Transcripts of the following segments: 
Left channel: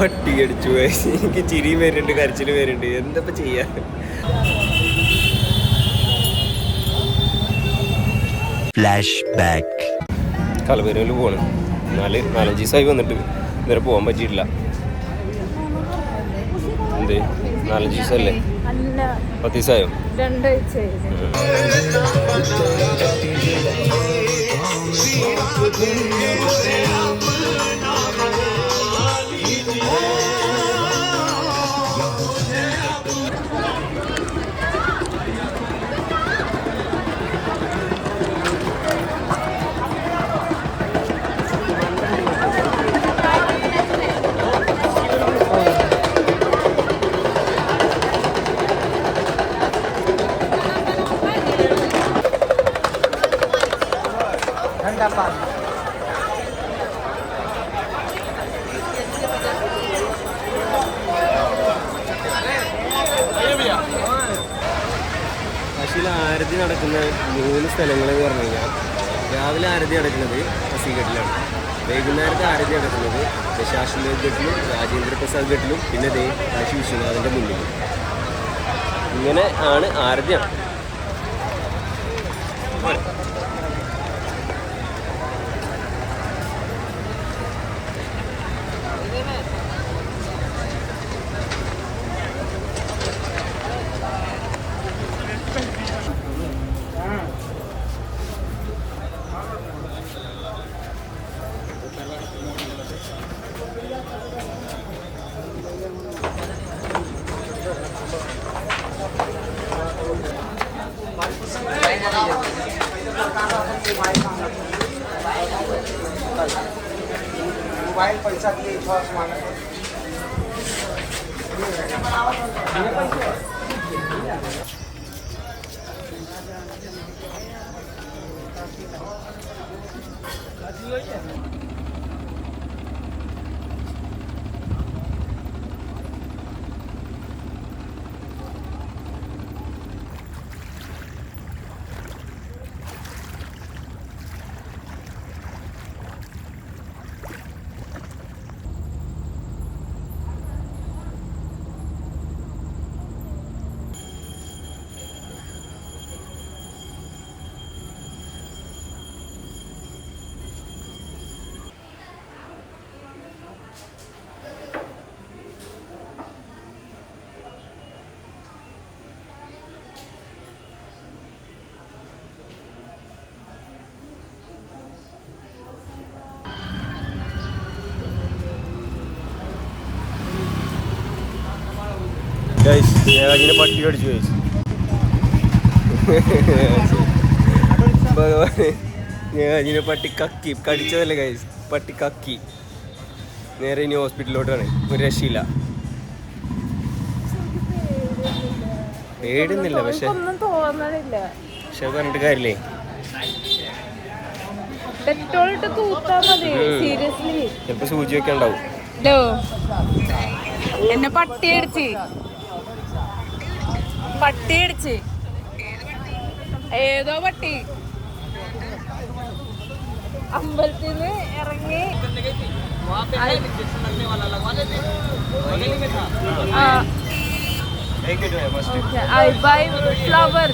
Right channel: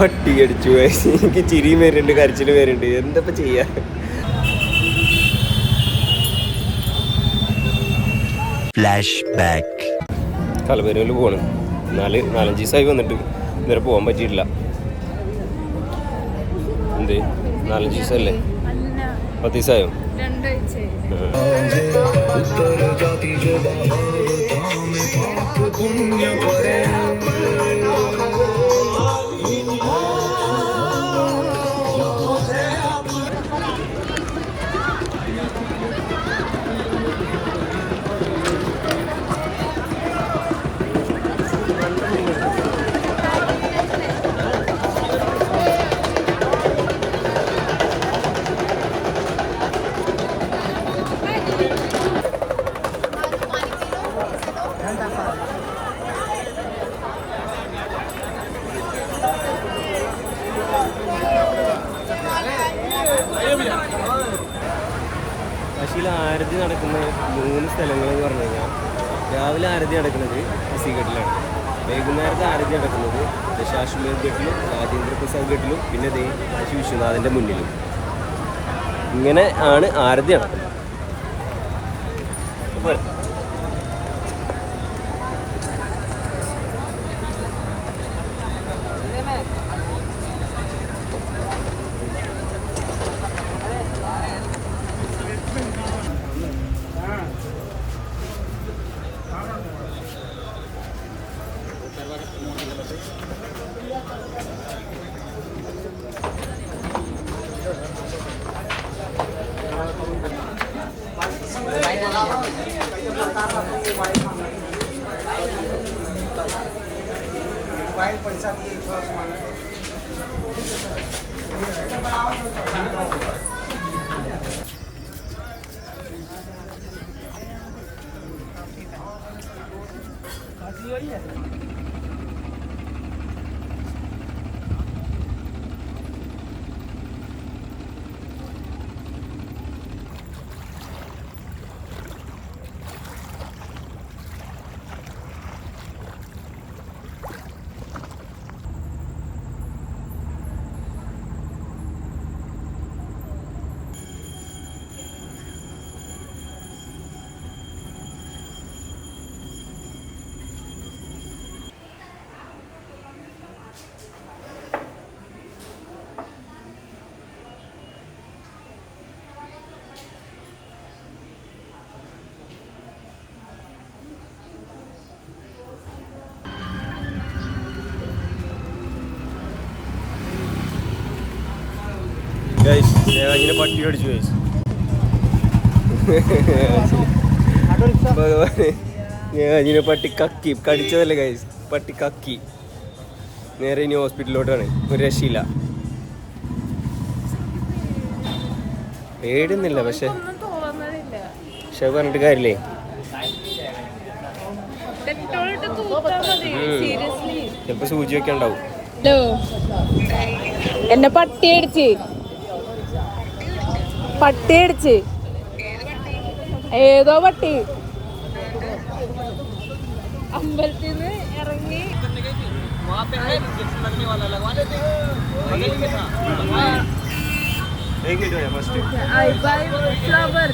പട്ടി കടിച്ചു. എനിക്ക് ചിരിയും വരുന്നുണ്ട്, കരച്ചിലും വരുന്നുണ്ട്. എന്താ ചെയ്യാ? Flash back. കളവരയിൽ പോകണം. 4-5 ദിവസമായി വന്നിട്ട് ഇതുവരെ പോകാൻ പറ്റിയിട്ടില്ല. എന്ത് 4-5 ദിവസമല്ലേ? 10 ദിവസമായോ? 2 ആഴ്ചയായി. കാശിയിൽ ആരതി നടക്കുന്ന 3 സ്ഥലങ്ങളെന്ന് പറഞ്ഞു കഴിഞ്ഞാൽ, രാവിലെ ആരതി നടക്കുന്നത് ഹസിഘട്ടിലാണ്, വൈകുന്നേരത്തെ ആരതി നടക്കുന്നത് ദശാശ്വമേധ് ഘട്ടിലും രാജേന്ദ്ര പ്രസാദ് ഘട്ടിലും പിന്നെ കാശി വിശ്വനാഥിൻ്റെ മുന്നിലും. ഇങ്ങനെ ആണ് ആരതി. സ്നേഹാജിനെ പട്ടി കടിച്ചു കഴിച്ചു. സ്നേഹാജിനെ പട്ടി കക്കി കടിച്ചതല്ലേ ഗൈസ്, പട്ടി കക്കി. നേരെ ഇനി ഹോസ്പിറ്റലിലോട്ടാണ്. ഒരു രക്ഷയില്ല. പേടുന്നില്ല, പക്ഷെ പറഞ്ഞിട്ട് കാര്യമില്ലേ. ചിലപ്പോ സൂചി ഒക്കെ ഉണ്ടാവും. എന്നെ പട്ടിയടിച്ച് ഏതോ പട്ടി അമ്പലത്തിൽ നിന്ന് ഇറങ്ങി I buy flower.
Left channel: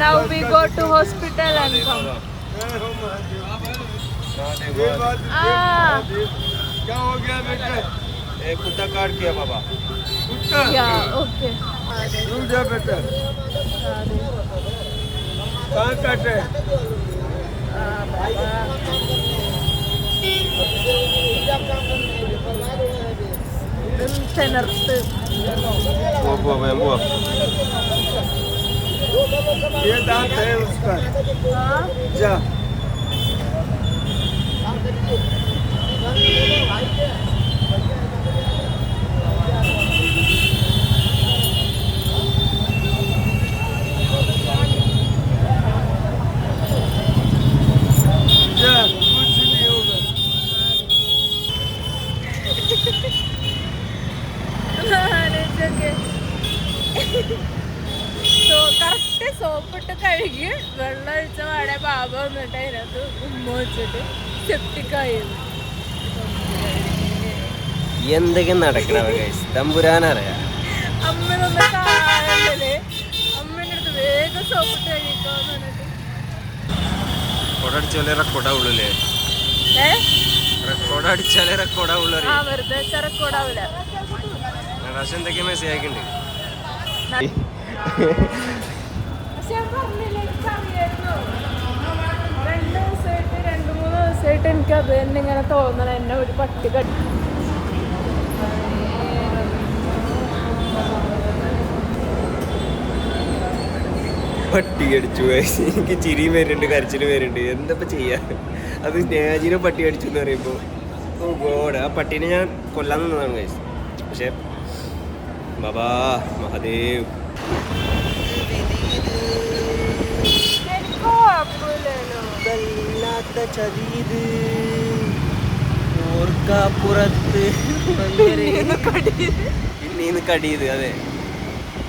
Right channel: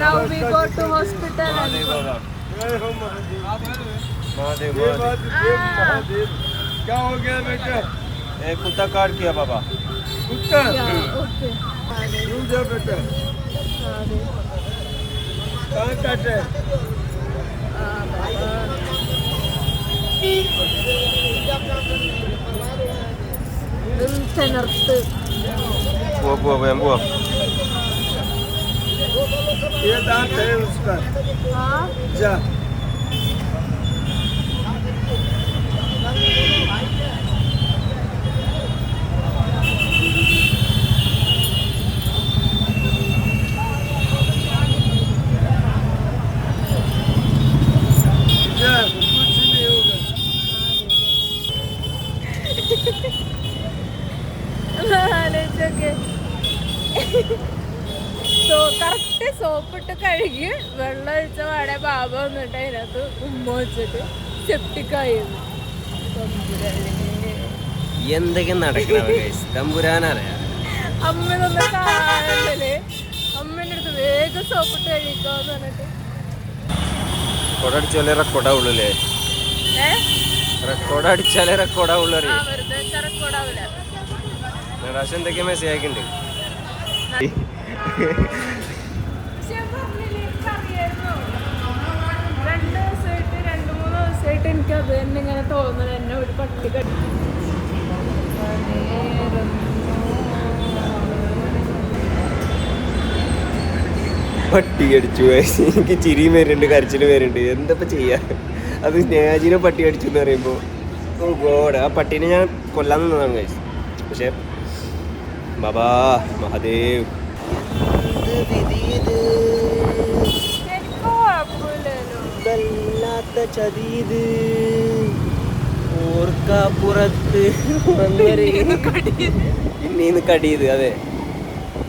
Now we go to hospital and come. क्या हो गया बेटा? एक कुत्ता काट किया बाबा. कुत्ता? ओके. क्यों जा बेटा? कहाँ काटे? बुआ ये दांत है उसका. जा കറക്റ്റ് സോപ്പിട്ട് കഴുകി വെള്ളം ഒഴിച്ച പാടെ ബാബ വന്നിട്ട് അതിനകത്ത് ഉമ്മ വെച്ചിട്ട് സെപ്റ്റിക്കായിരുന്നു. എന്തൊക്കെ നടക്കണവ ഗൈസ് തമ്പുരാനറിയാ. അമ്മനൊന്ന് കാണണ്ടേ, അമ്മേൻ്റെ അടുത്ത് വേഗം സോപ്പിട്ട് കഴിക്കാന്ന് പറഞ്ഞിട്ട്. റെക്കോർഡ് അടിച്ചാലേ റെക്കോർഡാവുള്ളൂ അല്ലേ? റെക്കോർഡ് അടിച്ചാലേ റെക്കോർഡാവുള്ളൂ അറിയാം. വെറുതെ റെക്കോർഡാവില്ല. പ്രാവശ്യം എന്തൊക്കെയാ മെസ്സേജ് അയക്കുന്നുണ്ട്. എനിക്ക് അത് തന്നെ ഇങ്ങനെ തോന്നണം, എന്നെ ഒരു പട്ടി പട്ടി അടിച്ചു. എനിക്ക് ചിരിയും വരുന്നുണ്ട്, കരച്ചിലും വരുന്നുണ്ട്. എന്തപ്പോ ചെയ്യാ? അത് സ്നേഹാജിനെ പട്ടി അടിച്ചു എന്ന് പറയുമ്പോ ഓ ഗോഡ്, ആ പട്ടീനെ ഞാൻ കൊല്ലാൻ നിന്നതാണ് ഗൈസ്. പക്ഷെ ബാബാ മഹാദേവ് വല്ലാത്ത ചതീത്. ഓർക്കാപ്പുറത്ത് പിന്നീന്ന് കടിയത്. അതെ,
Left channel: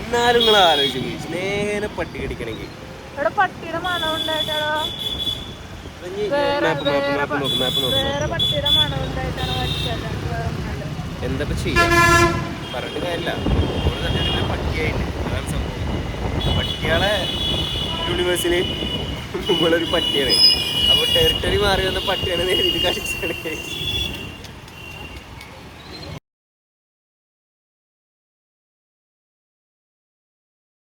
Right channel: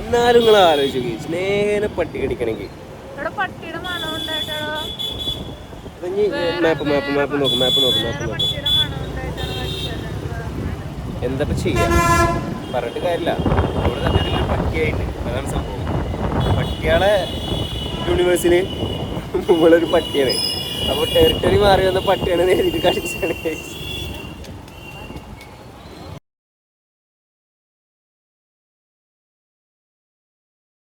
എന്നാലും നിങ്ങൾ ആലോചിച്ചു സ്നേഹനെ പട്ടി കടിക്കണമെങ്കിൽ. പട്ടിയുടെ മണം ഉണ്ടായിട്ടാണോ? മാപ്പ് നോക്ക്. പട്ടിയുടെ മണം ഉണ്ടായിട്ടാണോ കടിച്ചത്? എന്തപ്പോ ചെയ്യാം, പറഞ്ഞിട്ട് കാര്യമില്ല. അവിടെ സത്യത്തിൽ പട്ടിയായിട്ട് അതാണ് സംഭവം. പട്ടികളെ യൂണിവേഴ്സിന് നമ്മളൊരു പട്ടിയാണ്. അപ്പോൾ ടെറിട്ടറി മാറി വന്ന പട്ടിയാണ് എനിക്ക് കടിച്ചാണ്.